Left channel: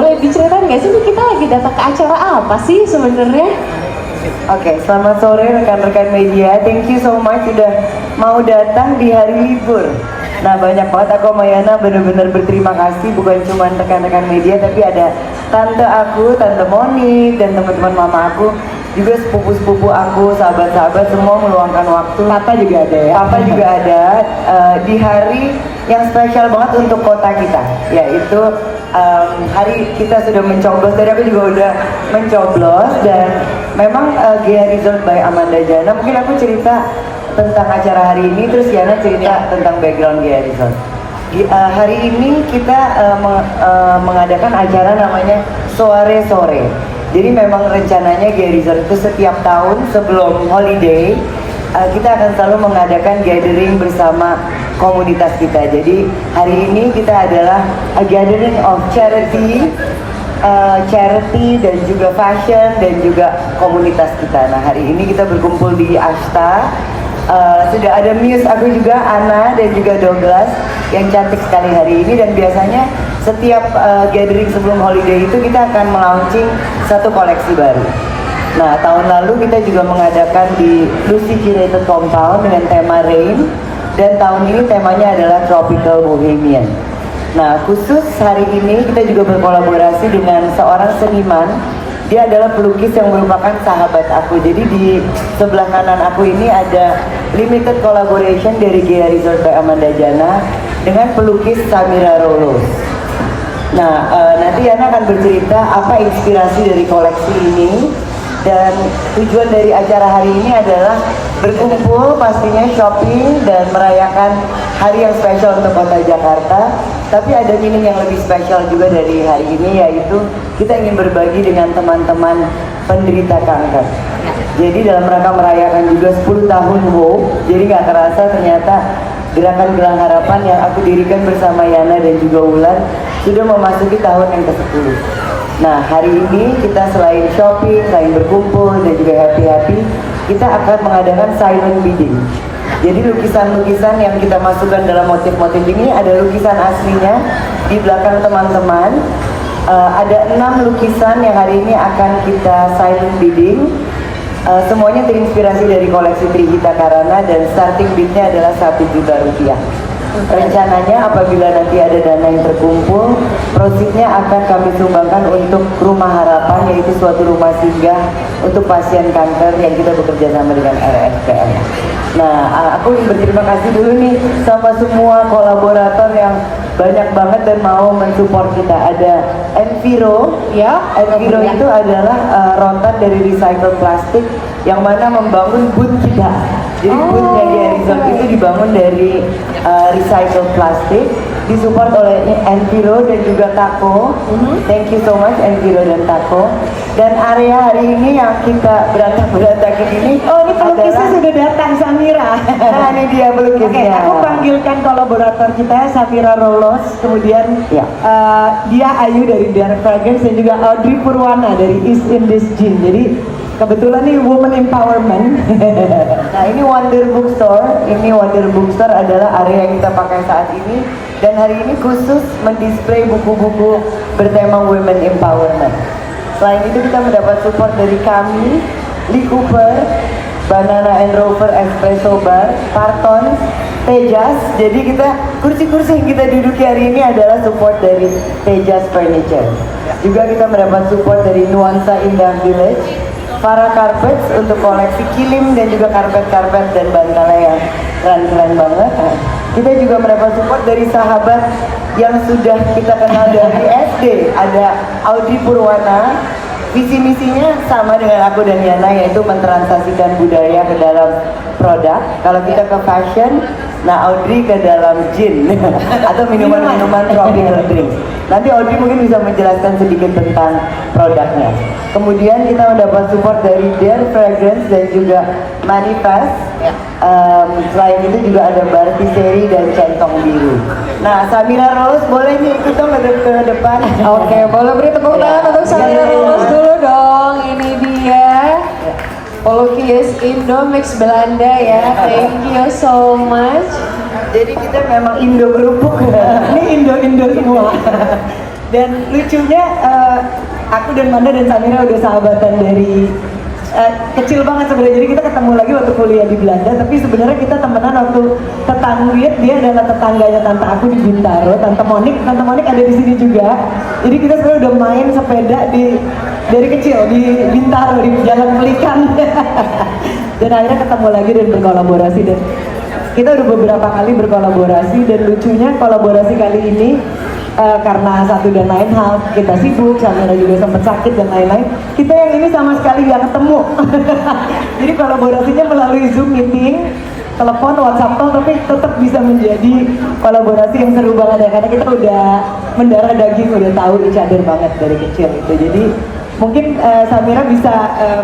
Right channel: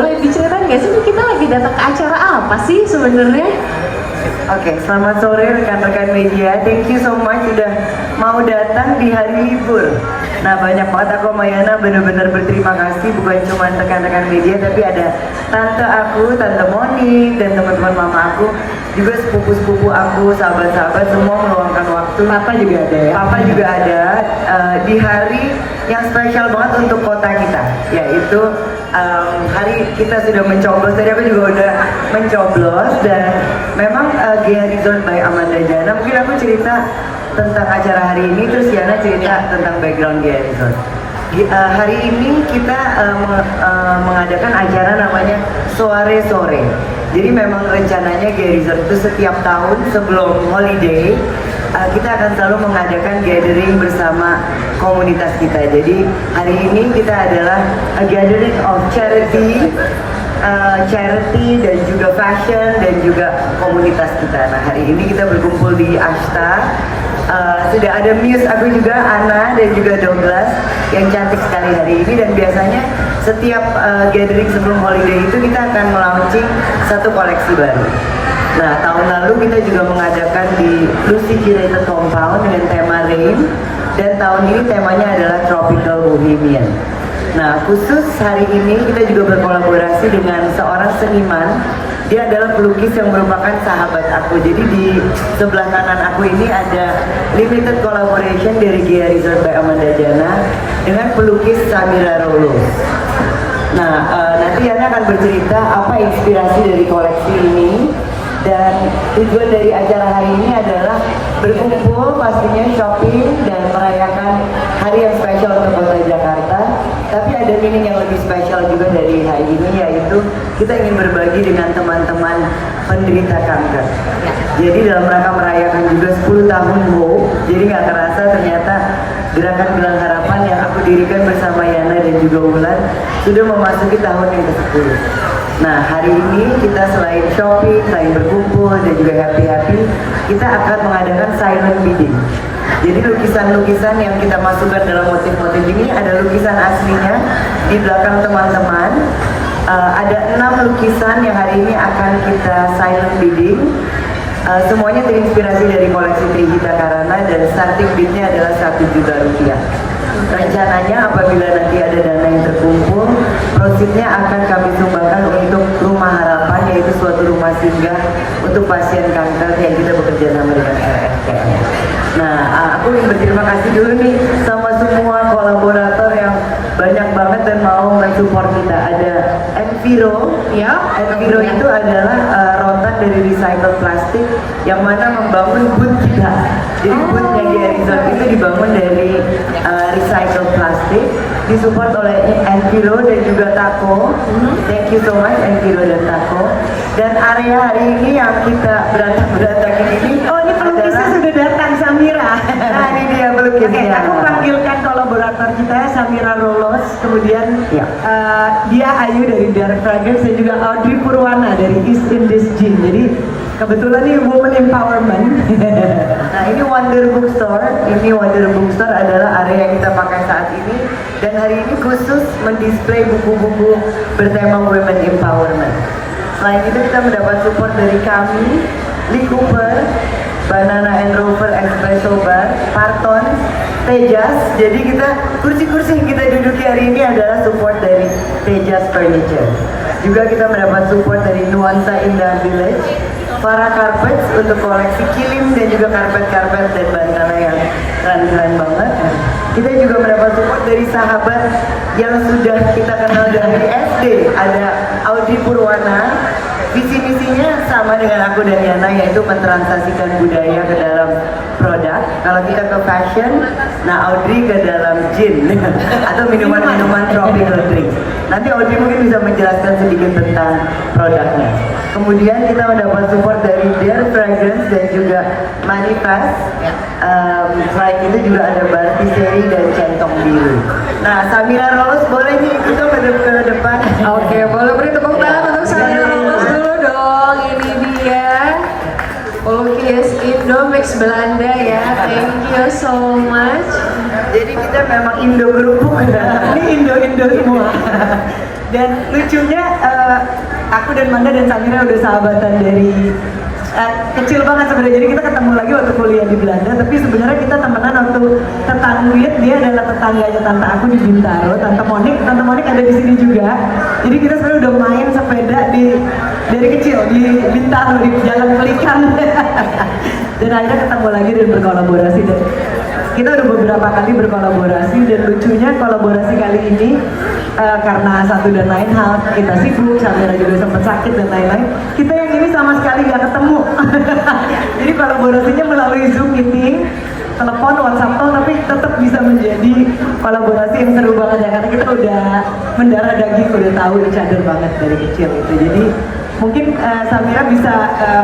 boleh diceritain nggak sih kita lagi datang ke acara apa sih sebenarnya? Oke, selamat sore rekan-rekan media. Thank you so much sudah mau datang di hari libur. Nah, banyak banget aku sama Yana benar-benar berterima kasih, bukan cuma rekan-rekan media tapi ada tante aku, tante Monik dan teman-teman mama aku, juga sepupu-sepupu aku, sahabat-sahabat semua meluangkan waktu. Papa juga ada ya? Papa juga ada di hari yang spesial banget untuk kota kita, yaitu hari kita sudah mencoblos. Tadi aku juga udah mencoblos dan memang GA Resort by Amanda Jana. Mungkin aku cerita tentang acara hari ini, terus Yana cerita tentang background GA Resort. Hari ini kita mengadakan acara namanya Soare Sore. Jadi memang rencananya GA Resort itu setiap tahun sebelum holiday kita akan selalu mengadakan gathering bersama komunitas kita. Jadi hari ini kita adalah a gathering of charity, dan juga fashion dan juga komunitas kita. Nah, hari ini kita berkumpul di Ashta. Sudah ada Muse aku juga, Ana dan juga Douglas yang cantik sekali hari ini, dan biasanya setiap gathering sebelum holiday itu kita akan melaunching satu koleksi baru. Nah, tahun lalu kita juga mengadakan di Lucy Curated Hometown dengan tema Rain, dan tahun ini temanya adalah Tropical Bohemian. Nah, khusus hari ini kita juga berkolaborasi dengan seorang seniman. Dia adalah pelukis yang merupakan sahabat aku. Jadi di sebelah kanan aku ini ada limited collaboration dari GA Resort by Amanda Jana dengan pelukis Samira Rolos. Nah, nanti Yana akan bercerita apa inspirasi dari koleksi ini. Dan tujuan dari acara hari ini adalah berkumpul, pastinya shopping dan merayakan hari yang spesial untuk kota Jakarta. Tapi ada meaning yang lebih spesial juga dari hari ini, yaitu kita ingin berbagi dengan teman-teman penderita kanker. Jadi dalam rangka merayakan juga 10 tahun Hope, jadi nggak terasa ternyata Gerakan Gelang Harapan yang aku dirikan bersama Yana dan juga Wulan sudah memasuki tahun yang ke-10. Nah, hari ini kita selain shopping, selain berkumpul dan juga happy-happy, kita akan mengadakan silent bidding. Jadi lukisan-lukisan yang kita masukkan dalam motif-motif ini ada lukisan aslinya di belakang teman-teman. Ada 6 lukisan yang hari ini akan kita silent bidding. Semuanya terinspirasi dari koleksi Trihita Karana dan starting bidnya adalah 1 juta rupiah. Rencananya apabila nanti ada dana yang terkumpul, proceednya akan kami sumbangkan untuk Rumah Harapan, yaitu suatu rumah singgah untuk pasien kanker yang kita bekerja sama dengan RSPM. Nah, aku ingin berterima kasih dulu nih sama semua kolaborator yang banyak banget dan mau mensupport kita. Ada Enviro, ya. Enviro itu adalah rotan dari recycle plastik yang mana membangun booth kita. Jadi boothnya di Resort itu dibangun dari recycle plastik, disupport oleh Enviro dan juga Tako. Thank you so much Enviro dan Tako. Dan area hari ini yang kita berantakin ini, oh ini pelukisnya sudah datang, Samira. Nah, ini dia pelukisnya. Oke, aku panggilkan kolaborator kita Samira Rolos, kemudian ya. Dia Ayu dari Dark Fragrance dan juga Audrey Purwana dari East Indies Gin. Jadi kebetulan nih woman empowerment. Nah, ini Wonder Bookstore. Ini Wonder Bookstore adalah area yang kita pakai saat ini, dan hari ini khusus mendisplay buku-buku bertema women empowerment. Selain itu kita mendapat support dari kami, Lee Cooper, Banana and Rover Espresso Bar, Parton, Tejas. Jadi kita kursi-kursi yang kita duduki hari ini adalah support dari Tejas Furniture. Juga kita mendapat support dari Nuansa Indah Village, Farah Carpets untuk koleksi kilim dan juga karpet-karpet dan bantala yang keren-keren banget. Kita juga mendapat support dari sahabat yang sudah kita kenal dari SD. Ada Audrey Purwana. Visi misinya sama dengan aku dan Yana, yaitu mentransaksikan budaya ke dalam produk. Kalau kita ke fashion, nah Audrey ke dalam gin atau minuman-minuman tropical drink. Nanti Audrey mungkin bisa menjelaskan sedikit tentang produknya. Kemudian kita mendapat support dari Dark Fragrance dan juga Manifest. Selain itu juga ada Bartiseri dan Centong Biru. Nah, Samira Rolos boleh nih ikut dong ke depan. Oke, boleh beri tepuk tangan untuk Samira Rolos dulu dong. Ini dia pelukis Indomix Belanda ya. Thank you so much. Jadi kita memang Indo kerupuk. Ini Indo semua. Dan lucunya aku dan Manda dan Samira udah sahabatan dari kecil banget sebenarnya. Jadi kita ketemu lagi waktu kuliah di Belanda, tapi sebenarnya kita temenan waktu tetangga. Dia adalah tetangganya tante aku di Bintaro, Tante Monik ada di sini juga. Jadi kita sebenarnya udah main sepeda dari kecil di Bintaro, di Jalan Pelikan. Dan akhirnya ketemu lagi dan berkolaborasi, dan kita udah beberapa kali berkolaborasi. Dan lucunya kolaborasi kali ini karena satu dan lain hal, kita sibuk, Samira juga sempat sakit dan lain-lain, kita yang ini sama sekali nggak ketemu. Jadi kolaborasinya melalui Zoom meeting, telepon, WhatsApp call, tapi tetap bisa menjadi kolaborasi yang seru banget ya, karena kita udah mendarah daging, udah tahu each other banget dari kecil gitu. Jadi mungkin Samira bisa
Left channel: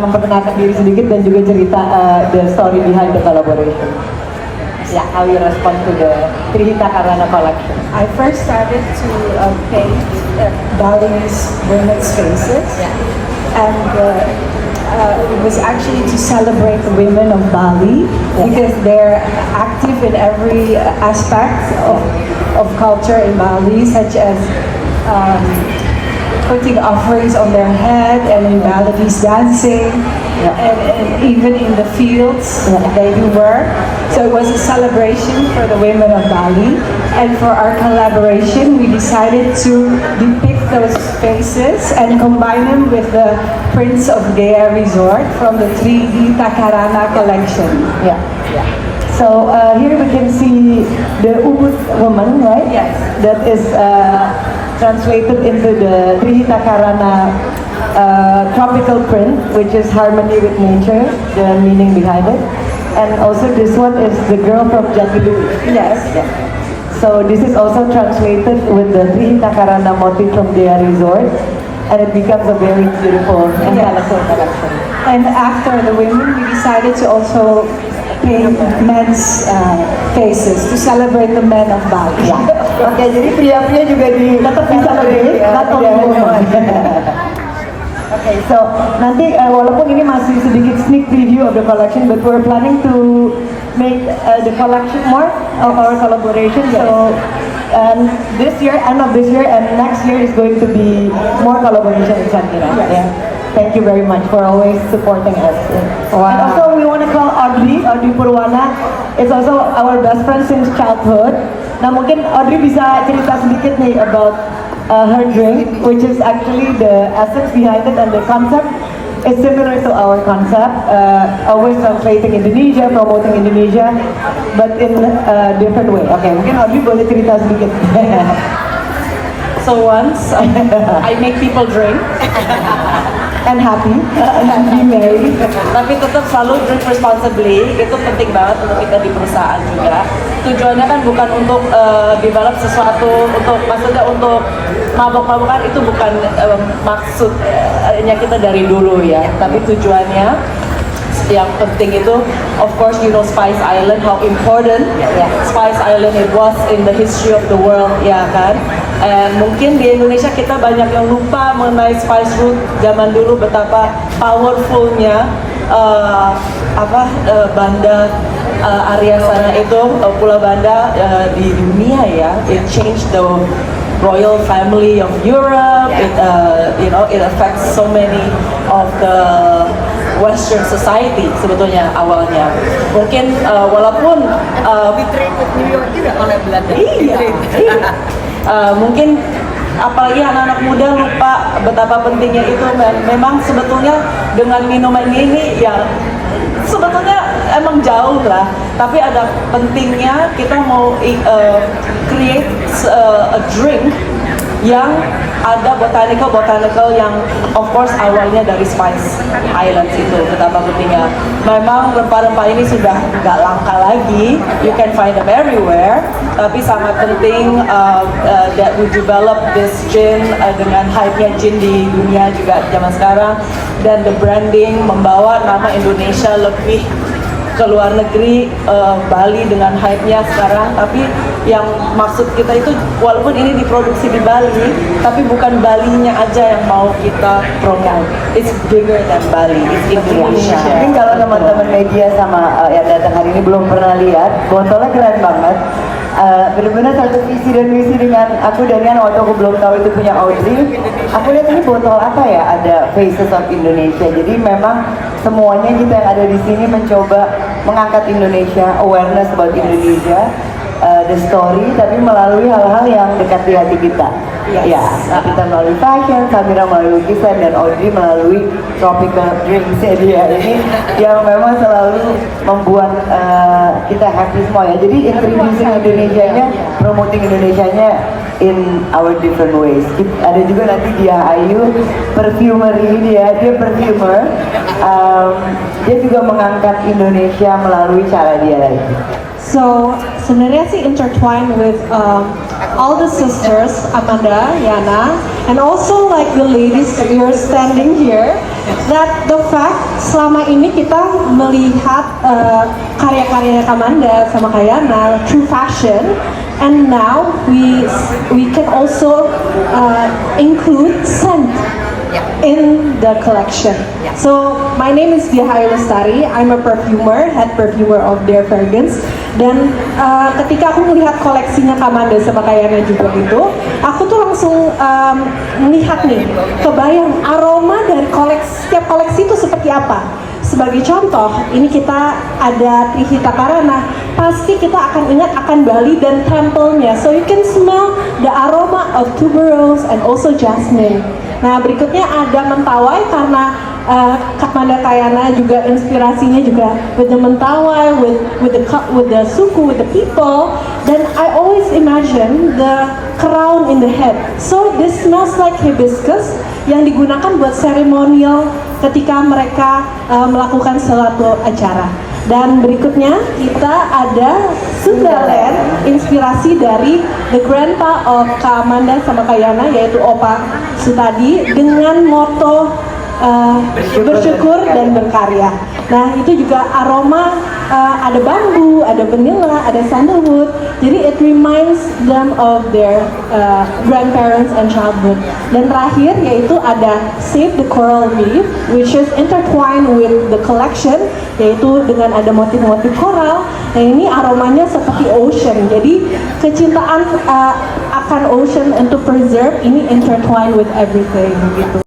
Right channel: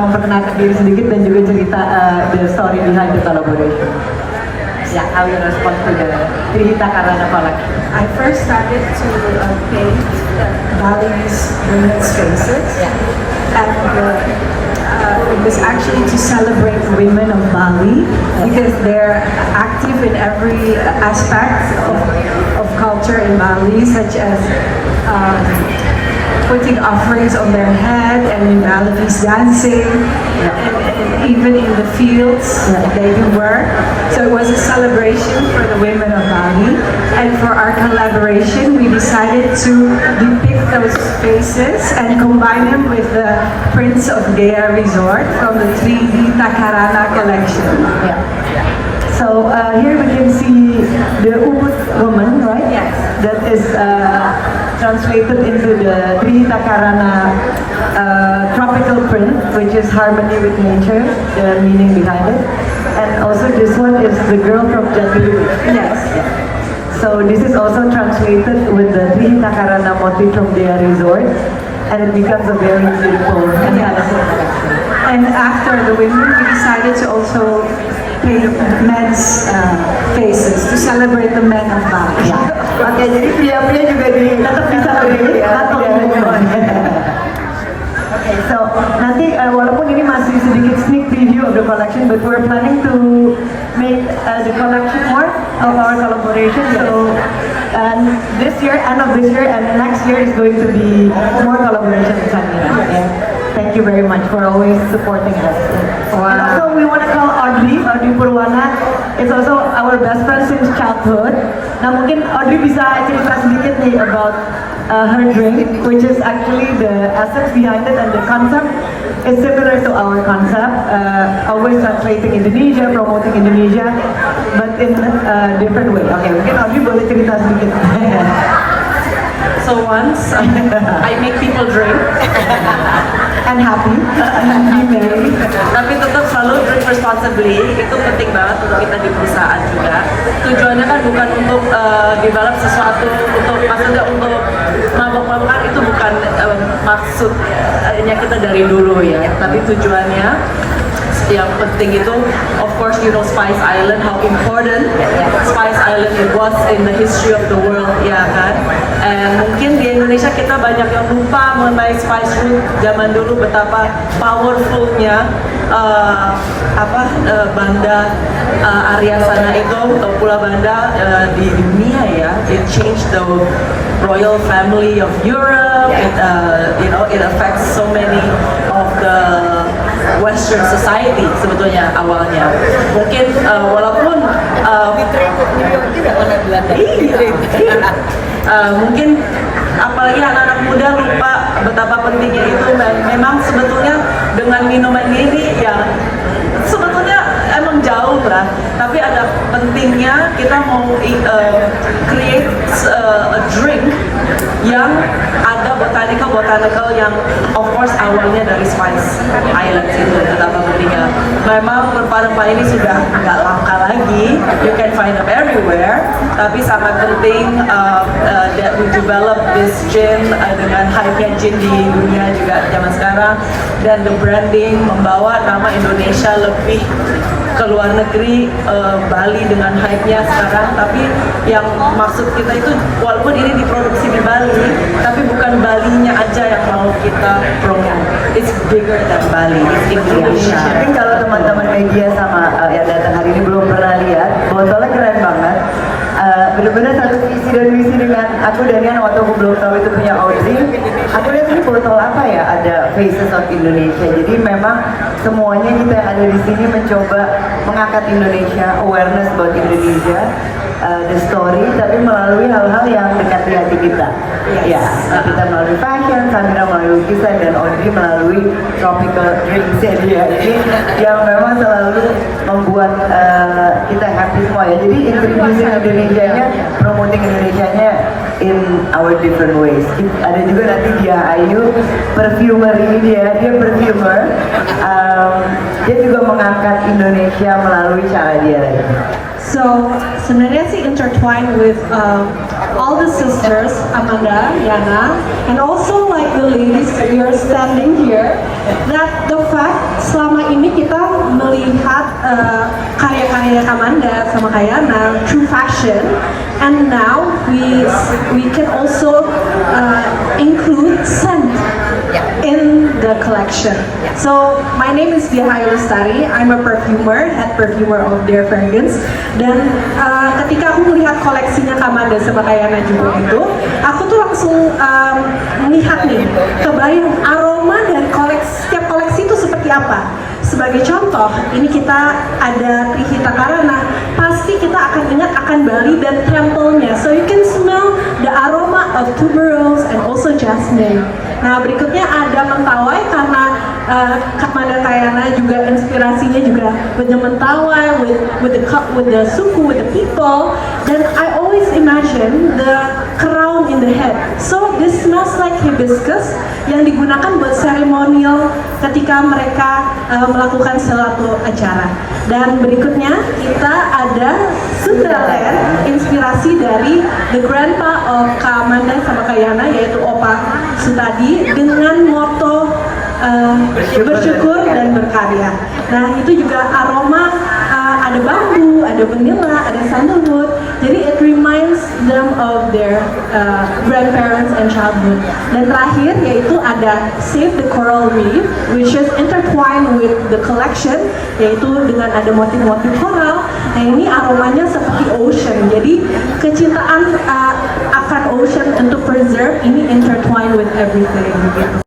memperkenalkan diri sedikit dan juga cerita the story behind the collaboration. Yeah, how you respond to the Trihita Karana collection? I first started to paint Bali's women's faces, and it was actually to celebrate the women of Bali because they're active in every aspect of culture in Bali, such as putting offerings on their head and in Balinese dancing, and even in the fields they do work. So it was a celebration for the women of Bali, and for our collaboration we decided to depict those faces and combine them with the Prince of Gaya Resort from the 3D Takarana collection. So here we can see the Ubud woman, right? Yes. That is translated into the Trihita Karana tropical print, which is harmony with nature, the meaning behind it. And also this one is the girl from Jatiluwih. Yes. So this is also translated with the Trihita Karana motif from Gaya Resort, and it becomes a very beautiful and colorful collection. And after the women, we decided to also paint men's faces to celebrate the men of Bali. Oke, jadi pria-pria juga tetap bisa lebih Oke, so nanti walaupun ini masih sedikit sneak preview of the collection, but we're planning to make the collection more of our collaboration. So this year, end of this year, and next year is going to be more collaboration with Samira. Yeah. Thank you very much for always supporting us. Wow. And also we want to call Audrey Purwana. It's also our best friend since childhood. Nah, mungkin Audrey bisa cerita sedikit nih about her drink, which is actually the essence behind it, and the concept is similar to our concept, always translating Indonesia, promoting Indonesia, but in a different way. Oke, mungkin Audrey boleh cerita sedikit. So once I make people drink And happy, merry. tapi tetap selalu drink responsibly. Itu penting banget untuk kita di perusahaan juga. Tujuannya kan bukan untuk develop sesuatu, maksudnya untuk mabok-mabokan, itu bukan maksudnya kita dari dulu ya. Tapi tujuannya yang penting itu, of course you know Spice Island, how important Spice Island it was in the history of the world, ya kan. And mungkin di Indonesia kita banyak yang lupa mengenai Spice Route zaman dulu, betapa powerfulnya Banda, area sana itu, Pulau Banda di dunia ya. It changed the royal family of Europe. It affects so many of the Western society sebetulnya awalnya. Mungkin walaupun New York juga oleh Belanda. Mungkin apalagi anak-anak muda lupa betapa pentingnya itu, dan memang sebetulnya dengan minuman ini ya sebetulnya emang jauh lah, tapi ada pentingnya kita mau create a drink yang ada botanical yang of course awalnya dari Spice Islands itu. Betapa pentingnya. Memang rempah-rempah ini sudah nggak langka lagi, you can find them everywhere, tapi sangat penting that we develop this gin dengan hype-nya gin di dunia juga zaman sekarang, dan the branding membawa nama Indonesia lebih ke luar negeri, Bali dengan hype-nya sekarang. Tapi yang maksud kita itu, walaupun ini diproduksi di Bali, tapi bukan Balinya aja yang mau kita promote. It's bigger than Bali, it's Indonesia. Mungkin kalau teman-teman media sama yang datang hari ini belum pernah lihat, botolnya keren banget. benar-benar satu visi dan misi dengan aku dan Yan waktu aku belum tahu itu punya Audrey. Aku lihat ini botol apa ya, ada Faces of Indonesia. Jadi memang semuanya kita yang ada di sini mencoba mengangkat Indonesia, awareness about Indonesia, the story, tapi melalui hal-hal yang dekat di hati kita. Ya, kita melalui fashion, Samira melalui lukisan, dan Audrey melalui tropical drinks dia ini yang memang selalu membuat kita happy semua ya. Jadi introducing Indonesianya, promoting Indonesianya in our different ways. Ada juga nanti dia Ayu, perfumer ini dia perfumer. Dia juga mengangkat Indonesia melalui cara dia lagi. So sebenarnya sih intertwined with all the sisters, Amanda, Yana, and also like the ladies that we are standing here. That the fact selama ini kita melihat karya-karya Amanda sama Yana through fashion, and now we can also include scent in the collection. So my name is Dia Hayu Lestari. I'm a perfumer, head perfumer of Dare Fragrance. Dan ketika aku melihat koleksinya Kamanda sama Kayana juga itu, aku tuh langsung melihat nih, kebayang aroma dari setiap koleksi itu seperti apa. Sebagai contoh, ini kita ada Trihita Karana. Pasti kita akan ingat akan Bali dan temple-nya. So you can smell the aroma of tuberose and also jasmine. Nah, berikutnya ada Mentawai karena Kamanda Kayana juga inspirasinya juga with the Mentawai, with the suku, with the people. Dan I always imagine the crown in the head. So this smells like hibiscus yang digunakan buat seremonial ketika mereka melakukan suatu acara. Dan berikutnya kita ada Sundaland, inspirasi dari the grandpa of Kamanda sama Kayana, yaitu Opa Sutadi, dengan moto bersyukur dan berkarya. Nah, itu juga aroma ada bambu, ada vanilla, ada sandalwood. Jadi it reminds them of their grandparents and childhood. Dan terakhir yaitu ada Save the Coral Reef, which is intertwined with the collection, yaitu dengan ada motif-motif koral. Nah, ini aromanya seperti ocean. Jadi kecintaan akan ocean untuk preserve ini intertwined with everything gitu.